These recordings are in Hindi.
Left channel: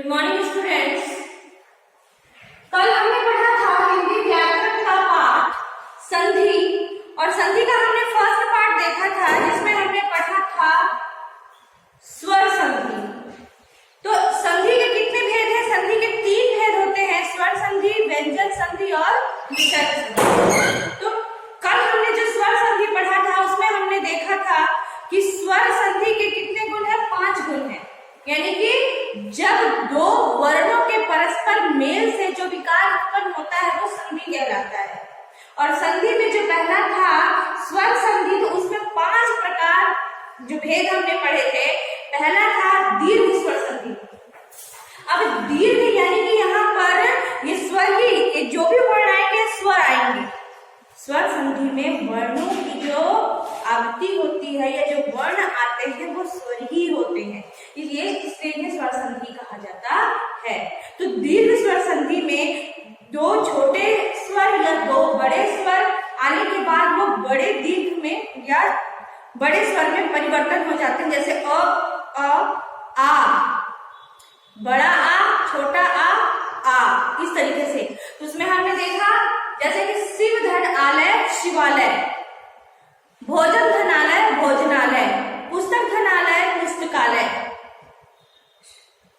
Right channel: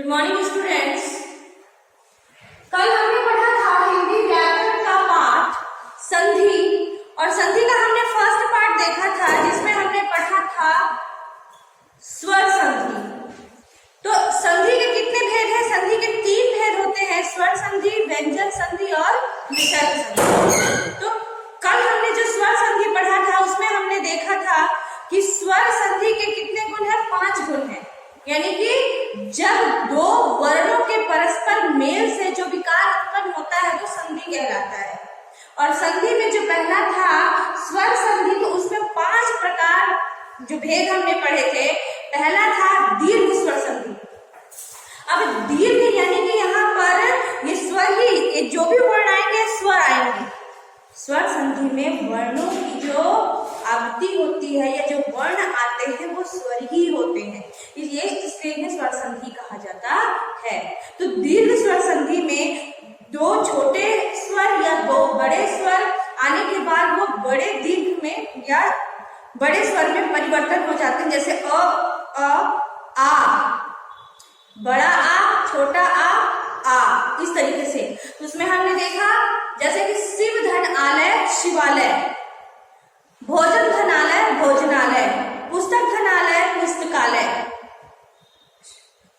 Good morning students. कल हमने पढ़ा था हिंदी व्याकरण का पाठ संधि, और संधि का हमने फर्स्ट पार्ट देखा था जिसमें हमने पढ़ा था स्वर संधि। तो संधि के कितने भेद हैं? संधि के 3 भेद होते हैं, स्वर संधि, व्यंजन संधि और विसर्ग संधि। तो कल हमने जो स्वर संधि पढ़ा था उसमें हमने देखा था कि स्वर संधि के कितने गुण हैं? 5 गुण हैं। यानी कि जब 2 वर्णों के परस्पर मेल से जो विकार उत्पन्न होता है वो संधि कहलाता है। और संधि में जो पहला था स्वर संधि, तो उसमें 5 प्रकार जो भेद हमने पढ़े थे। पहला था दीर्घ स्वर संधि। अब दीर्घ यानी कि यहाँ पर ये स्वर ही, ये जो भी वर्ण आएंगे स्वर आएंगे। स्वर संधि में वर्णों की जो आवृत्ति होती है या जो वर्ण आते हैं वो स्वर ही होते हैं, इसलिए इन्हें स्वर संधि कहा जाता है। तो दीर्घ स्वर संधि में 2 छोटे स्वर या 2 बड़े स्वर आने के बाद वो बड़े दीर्घ में या बड़े स्वर में परिवर्तन हो जाते हैं, जैसे आ, बड़ा आ, छोटा आ, इस तरीके से। तो उसमें हमने देखा जैसे कि शिव धन आलय शिवालय, भोजन धनालय भोजनालय, पुस्तक धनालय पुस्तकालय।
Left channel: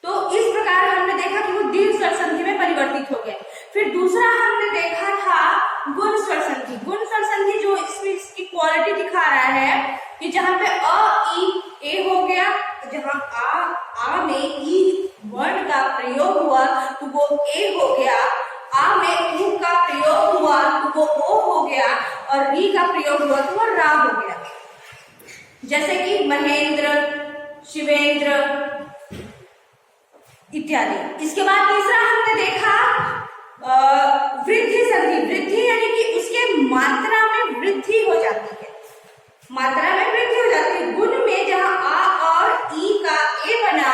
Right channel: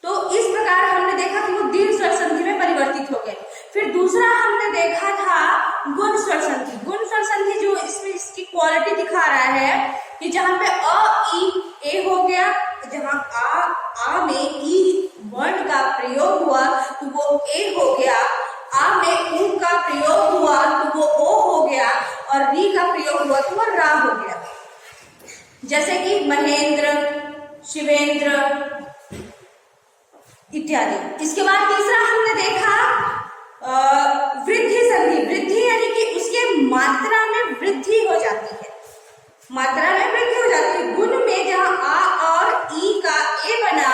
तो इस प्रकार हमने देखा कि वो दीर्घ स्वर संधि में परिवर्तित हो गए। फिर दूसरा हमने देखा था गुण स्वर संधि। गुण स्वर संधि जो इसमें इसकी क्वालिटी दिखा रहा है कि जहां पे अ ई ए हो गया, जहां आ में ई वर्ण का प्रयोग हुआ तो वो ए हो गया, आ में ऊ का प्रयोग हुआ तो वो ओ हो गया, और री का प्रयोग हुआ तो वो रा हो गया। जैसे कि महेंद्र, शिवेंद्र इत्यादि। इसके बाद तीसरा हमने देखा वृद्धि संधि। वृद्धि यानी कि उसके मात्रा में वृद्धि हो जाती है, मात्रा में वृद्धि हो जाती है। गुण में जहां आ और ई का ए बना,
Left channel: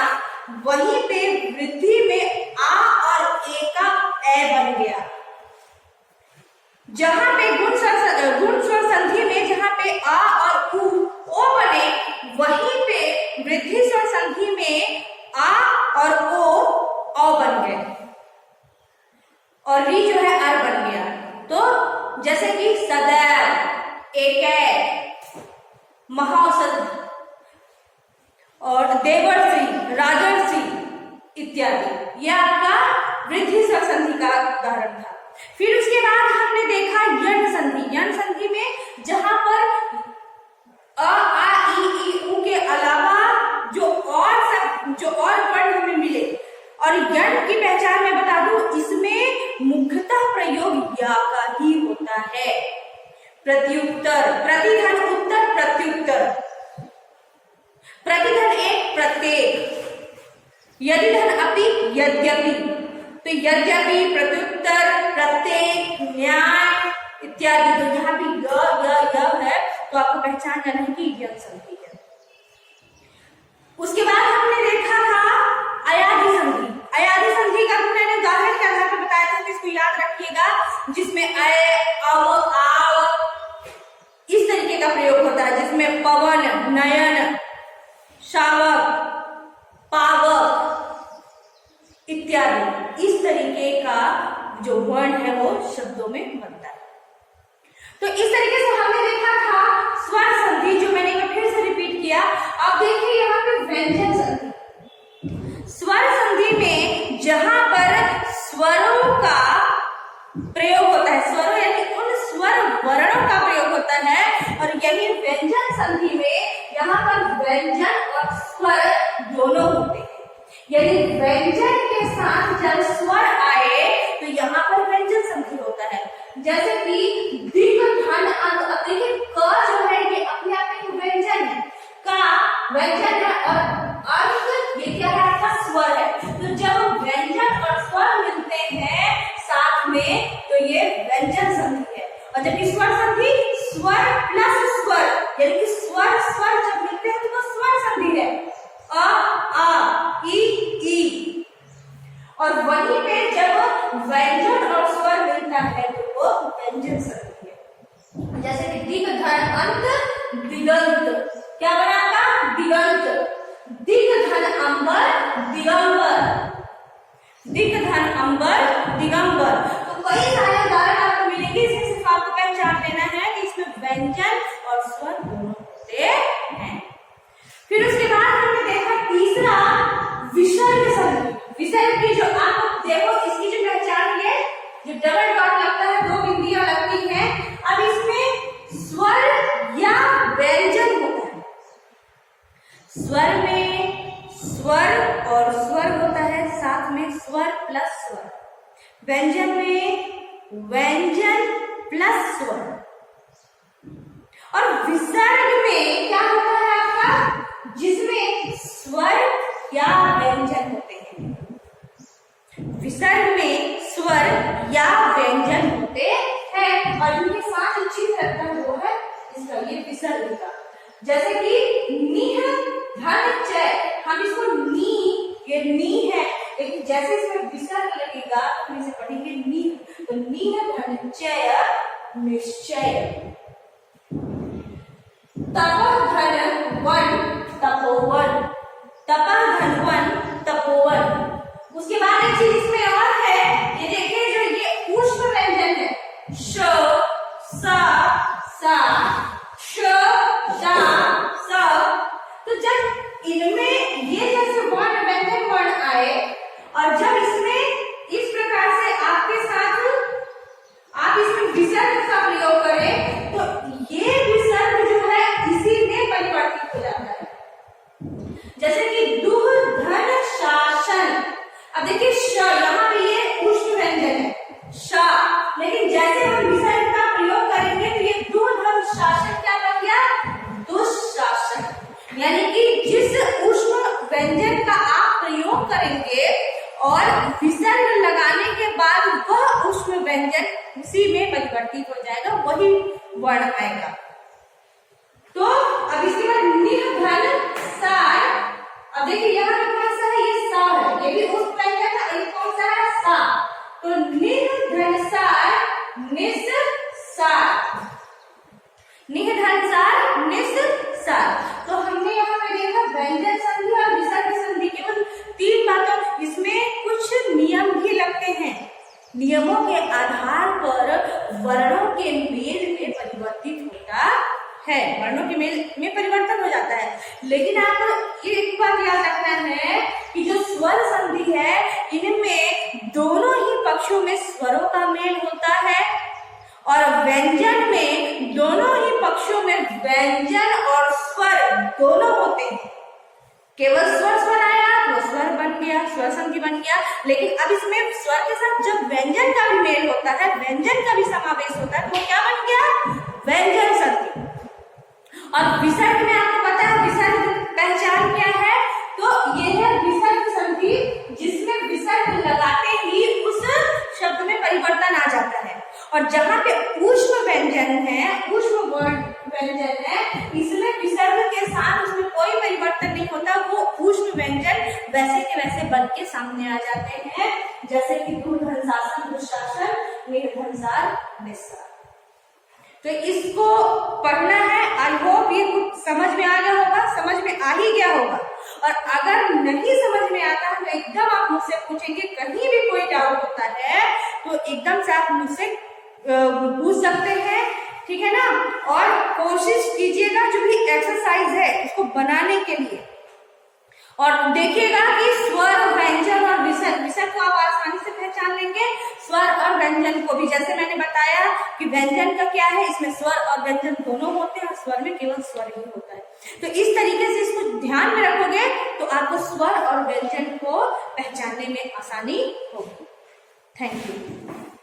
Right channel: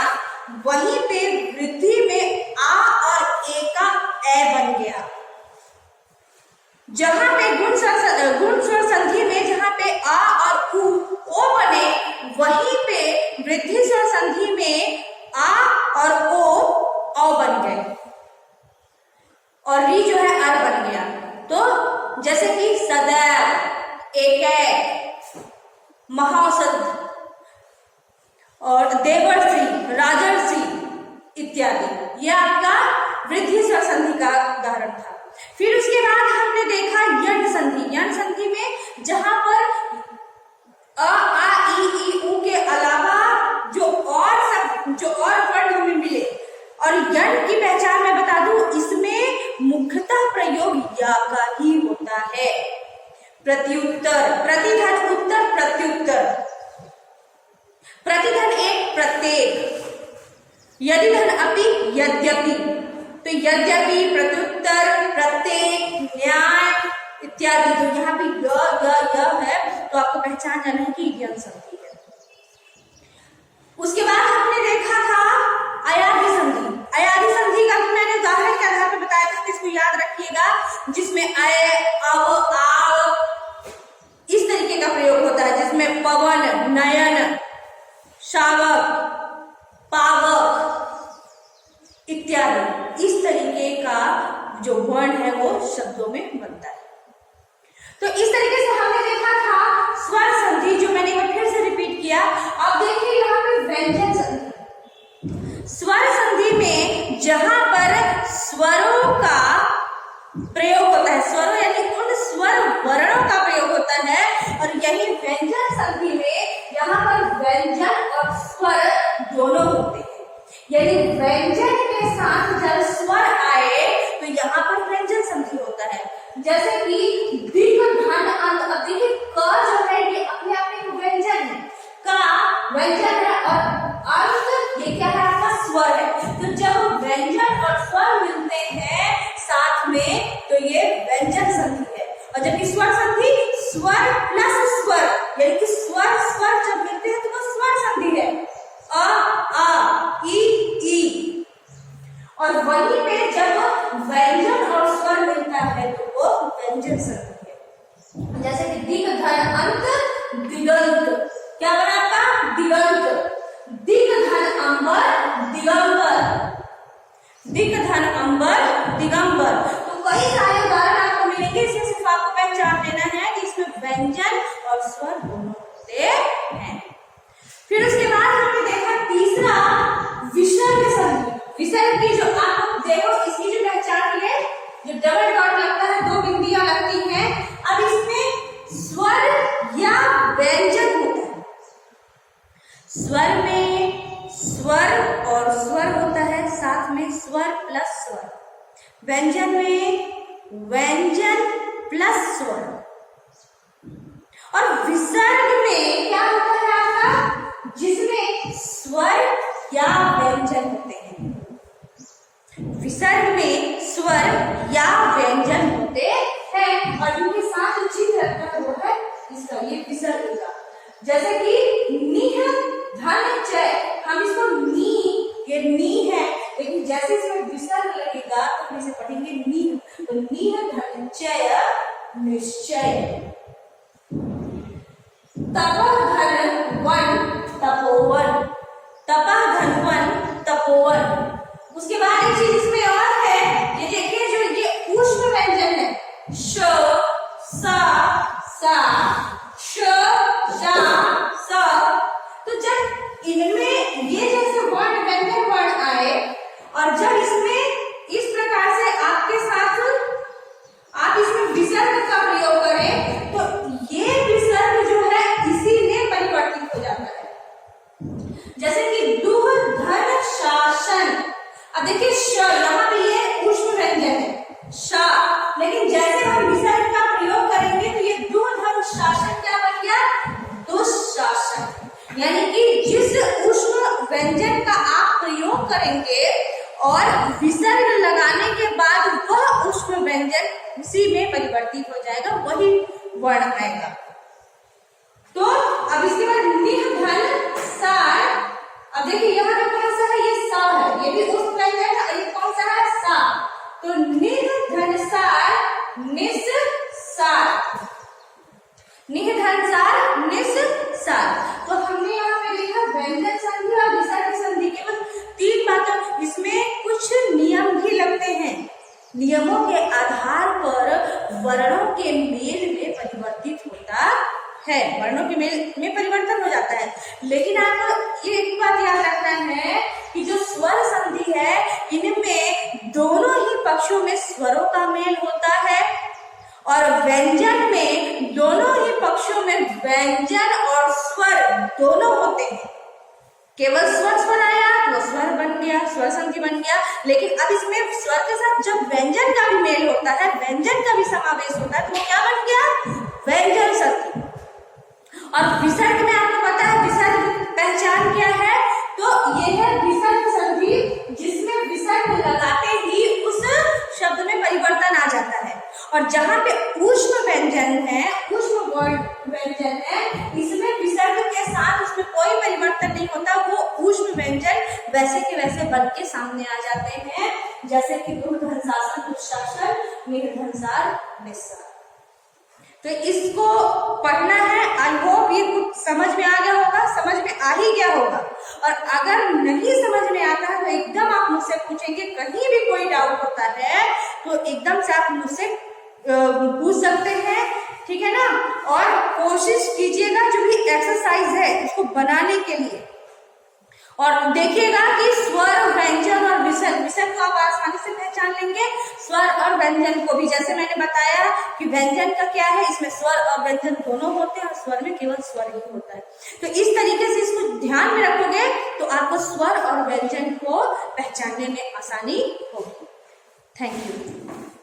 वहीं पे वृद्धि में आ और ए का ए बन गया। जहां पे गुण स्वर संधि में जहां पे आ और ओ बने, वहीं पे वृद्धि स्वर संधि में आ और ओ बन गए, और री जो है अर बन गया। तो जैसे कि सदैव, एक, महाऔषध और देवर्षि, राजर्षि इत्यादि, यह आपका वृद्धि स्वर संधि का उदाहरण था। फिर उसके बाद हमने देखा यण संधि। यण संधि में जहां पर अ आ ई ऊ के अलावा जो और वर्ण हमें मिले, और यण की पहचान मैं बता दूं, इसमें मुख्यतः प्रयोग या का ही होता है। प्रत्युत्तर, प्रतिधन उत्तर प्रत्युत्तर, प्रतिधन एक प्रत्येक, यदिधन अपि यद्यपि। तो यद्यपि, प्रत्युत्तर, प्रत्येक, न्याय इत्यादि। तो यहाँ पे य है तो आपको पहचान जाना है कि यण संधि है। उसके बाद हमने देखा था अयादि संधि। अयादि संधि का भी मैंने उदाहरण के आधार पर बताया था कि इसको याद रखिएगा, जिसमें अय, अव, आव इस तरीके का प्रयोग होता है, जिसमें पवन, नयन, शावक, पावक इत्यादि इस तरीके का जो वर्ण है वो शब्दों में बनता है। तो इस तरीके से हमने देखा था स्वर संधि, जो मैंने एक बार फिर से रिपीट किया। अब देखिए यहाँ पे व्यंजन संधि। स्वर संधि में जहां पर स्वरों का प्रयोग होता है, स्वरों यानी उन स्वर वर्णों का प्रयोग होता है, और यही व्यंजन संधि में यहाँ पर व्यंजन और स्वर दोनों होते हैं। यदि व्यंजन के साथ जब स्वर आए तो यहाँ पर व्यंजन संधि होता है। जैसे कि दीर्घ धन अंत। अब देखिए क जो है ये अपने आप में एक व्यंजन है, का व्यंजन है, और अंत ये क्या है? आपका स्वर है। तो जब व्यंजन और स्वर मिलते हैं साथ में तो ये व्यंजन संधि है। और जबकि स्वर संधि स्वर प्लस स्वर, यानी कि स्वर जब मिलते हैं तो वो स्वर संधि है, आ ई। और वहीं पे जब व्यंजन और स्वर मिलता है तो वो व्यंजन संधि है। जैसे कि दीर्घ धन अंत दिगंत, क्या बनाता? दिगंत। दीर्घ धन अंबर दिगंबर, दिक धन अंबर दिगंबर। तो कई सारे उदाहरण आपको मिलेंगे, इसमें सिर्फ आपको पहचान लेना है कि इसमें व्यंजन और स्वर दोनों होते हैं। फिर उसके बाद हमने देखा तीसरा विसर्ग संधि। विसर्ग की जो आप देखो इसकी जो पहचान है, जो डबल डॉट लगता है, दो बिंदियां लगती हैं। अब इसमें स्वर या व्यंजन होता है। स्वर में स्वर और स्वर होता है, साथ में स्वर प्लस स्वर। व्यंजन में व्यंजन प्लस स्वर। और विसर्ग में क्या होता है आपका, जिसमें स्वर या व्यंजन होते हैं। विसर्ग में स्वर या व्यंजन होते हैं और इनके साथ जो चिन्ह लगता है वो है इसका, ये विसर्ग का। जैसे कि निह धन चय, हम इसको नी, ये नी है, लेकिन जैसे इसमें विसर्ग लगेगा तो हम इसे पढ़ेंगे नी। तो निह धन चय निश्चय। तपः धन वन तपोवन, तपः धन वन तपोवन। उसके बाद एक चीज इसमें और है, ये देखिए जो ये ऊष्म व्यंजन है, श सा सा, श शा सा। तो जब इनमें ये जैसे वर्ण व्यंजन वर्ण आए और जब इसमें इस प्रकार से आपके साथ आप इसमें विसर्ग का प्रयोग करें तो ये विसर्ग जो है इसी में परिवर्तित हो जाता है। जैसे कि दुह धन शासन। अब देखिए श, यहाँ पे ये ऊष्म व्यंजन है शा, लेकिन जैसे हम विसर्ग का प्रयोग करेंगे तो ये दुह धन शासन क्या बन गया, दुशासन। यानी कि जिस ऊष्म व्यंजन का आप प्रयोग करेंगे और विसर्ग लगाने के बाद वह ऊष्म व्यंजन उसी में परिवर्तित हो जाएगा, वही वर्ण आएगा। तो अब इसके बाद निह धन सार। अब देखिए यहाँ पे कौन सा है, ये सा है, ये भी ऊष्म व्यंजन है, ये कौन सा है, सा। तो निह धन सार निस सार, निह धन सार निस सार। तो हमने यहाँ पे देखा व्यंजन संधि और विसर्ग संधि, केवल 3 बातों। इसमें कुछ नियम भी लगते हैं, नियमों के आधार पर वर्णों के मेल में परिवर्तित होता है, वर्णों के मेल में परिवर्तन हो जाता है। लेकिन आपको ये एक बात याद रखना है कि जो स्वर संधि है इनमें दोनों ही पक्षों में स्वरों का मेल होता है और व्यंजन में दोनों ही पक्षों में व्यंजन और स्वर दोनों होते हैं। केवल स्वर स्वर आया तो स्वर बन गया, स्वर संधि बन गया। लेकिन अब इसमें स्वर के साथ जब व्यंजन का भी मेल होता है, व्यंजन का भी समावेश होता है, तो वो क्या बन गया, व्यंजन संधि। और विसर्ग में आपको पता है विसर्ग पहचान क्या है, तो ये है विसर्ग संधि, जिसमें विसर्ग लगाते ही उस शब्द में परिवर्तन आ जाता है। और जहाँ पे ऊष्म व्यंजन है, ऊष्म वर्ण व्यंजन है, इसमें विसर्ग के साथ उसमें कोई परिवर्तन नहीं होता, वो ऊष्म व्यंजन वैसे के वैसे बन के सामने आ जाते हैं। जैसे कि दुर्धनशासन दुशासन, निर्धनसार निस्सार। तो इसको पढ़ना है। आई होप ये कुछ समझ में आ गया होगा, समझ में आ ही गया होगा। और अगर नहीं समझ में आता है तो एकदम आप मुझसे पूछेंगे, कहीं भी कोई डाउट होता है तो एकदम से आप मुझसे पूछ सकते हैं, ठीक है ना। और कोशिश कीजिएगा जो भी एक्सरसाइज है उसको बनाने के लिए, और देखिएगा कि स्वर व्यंजन और विसर्ग, विसर्ग को आप आसानी से पहचान लेंगे, स्वर और व्यंजन को भी। जैसे मैंने बताया कि व्यंजन का क्या है, इसमें स्वर और व्यंजन दोनों होते हैं और स्वर में केवल स्वर ही होता है। तो इस तरीके से इसको ध्यान में रखोगे तो आपको स्वर और व्यंजन को पहचानने में आसानी होगी। Thank you.